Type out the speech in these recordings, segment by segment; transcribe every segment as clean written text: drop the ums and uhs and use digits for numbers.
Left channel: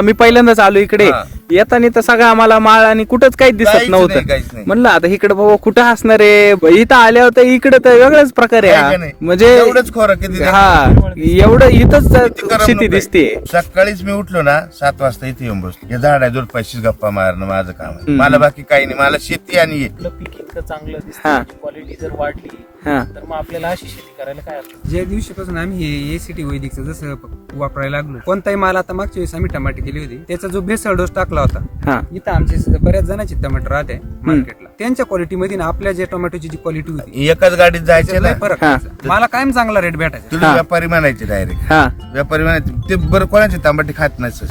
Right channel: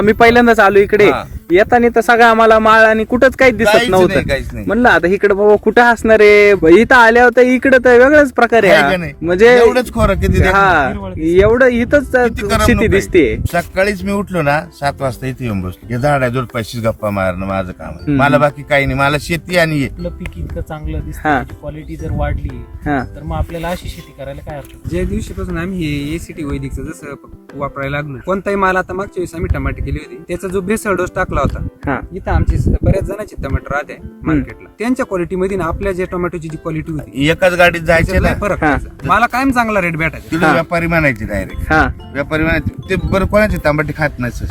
मी पहिल्यांदाच आलो इकडे, हा. येताना तर सगळं आम्हाला माळ आणि कुठंच काही दिसत काहीच नव्हतं. नाही. म्हणलं आता इकडे बाबा कुठं असणार आहे, इथं आल्यावर तर इकडे तर वेगळाच प्रकार आहे का आहे नाही? म्हणजे एवढंच खोरं किती हा एवढं इथंच किती करमणूक शेती आहे. दिसते. सकाळीच मी उठलो ना 7 वाजता इथे येऊन बसलो. हे झाडाजवळ पैसे गप्पा मारणं माझं काम आहे. हम्म. मला बाकी काही नाही, मला शेती आणि हे. आपलं पीक इतकं चांगलं हा. दिसतं, क्वालिटी जर वाढली हा तर मग आपल्याला अशी शेती करायला काय अर्थ? ज्या दिवशीपासून आम्ही हे एसीटी वैदिकचं जसं वापरायला लागलो, कोणताही माल आता मागच्या वेळेस आम्ही टमाटे केली होती, त्याचा जो भेसळ डोस टाकला होता, हा इथं आमचे बऱ्याच जणांचे टमाटर राहते मार्केटला, त्यांच्या क्वालिटीमध्ये ना आपल्या ज्या टोमॅटोची जी क्वालिटी होती एकाच गाडीत जायचे त्याच्यात ना, लय फरक व्हायचा. मला कायम चांगला रेट भेटायचा. तुला व्यापारी म्हणायचे डायरेक्ट. हा व्यापारी म्हणायचे ते बरं कोणाचे तांबाटी खात नाही.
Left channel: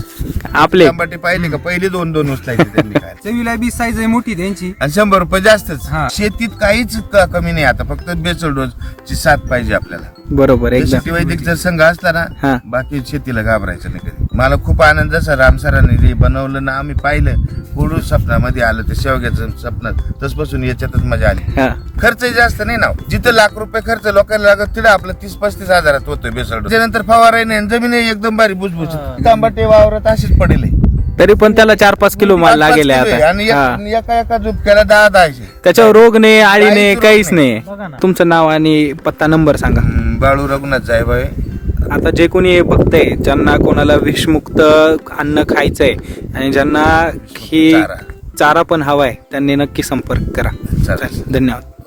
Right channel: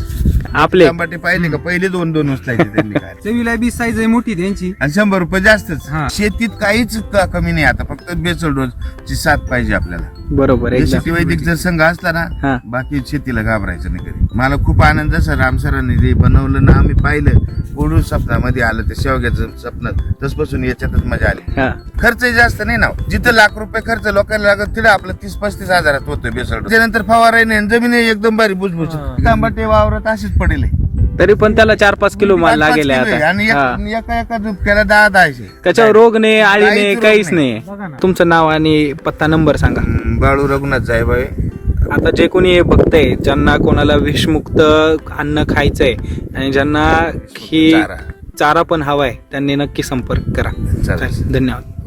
आपले तांबाटी पाहिले का पहिले 2-2 उचलायचे त्यांनी काय. चवीला बी साईज आहे मोठी त्यांची. आणि 100 रुपये जास्तच. हा. शेतीत काहीच कमी नाही आता, फक्त बेसल डोस ची साथ पाहिजे आपल्याला. बरोबर शेती एकदम. वैदिक जर संघ असला हा. ना, बाकी शेतीला घाबरायचं नाही कधी. मला खूप आनंद जसा राम सरांनी जे बनवलं ना, आम्ही पाहिलं पुढून स्वप्नामध्ये आलं ते शेवग्याचं स्वप्न, तसपासून याच्यातच मजा आली. हा खर्च जास्त नाही ना, जिथं लाख रुपये खर्च लोकांना लागत तिथं आपलं 30-35 हजारात होतोय बेसल. त्यानंतर फवाराही नाही, जमीन एकदम बारी बुजबुज, तांबाटे वावरात अशीच पडेल. तरी पण त्याला 4-5 किलो माल 5-5 लागेल किलो आहे. आता. आणि हा. एका झुपक्याला 10-10. त्याच्यावर रोग नाही, आळी नाही, काहीच रोग काहीच नाही. नाही. बघा ना. तुमचं नाव आणि पत्ता नंबर सांगा. बाळू रघुनाथ साहेब आहे. आता जे कोणी हे बघतंय, ज्यांना कोणाला विषमुक्त अन्न खायचंय आणि ज्यांना ही चारा. चारा पण हवाय, त्यांनी नक्की संपर्क करा. चालेल. धन्यवाद.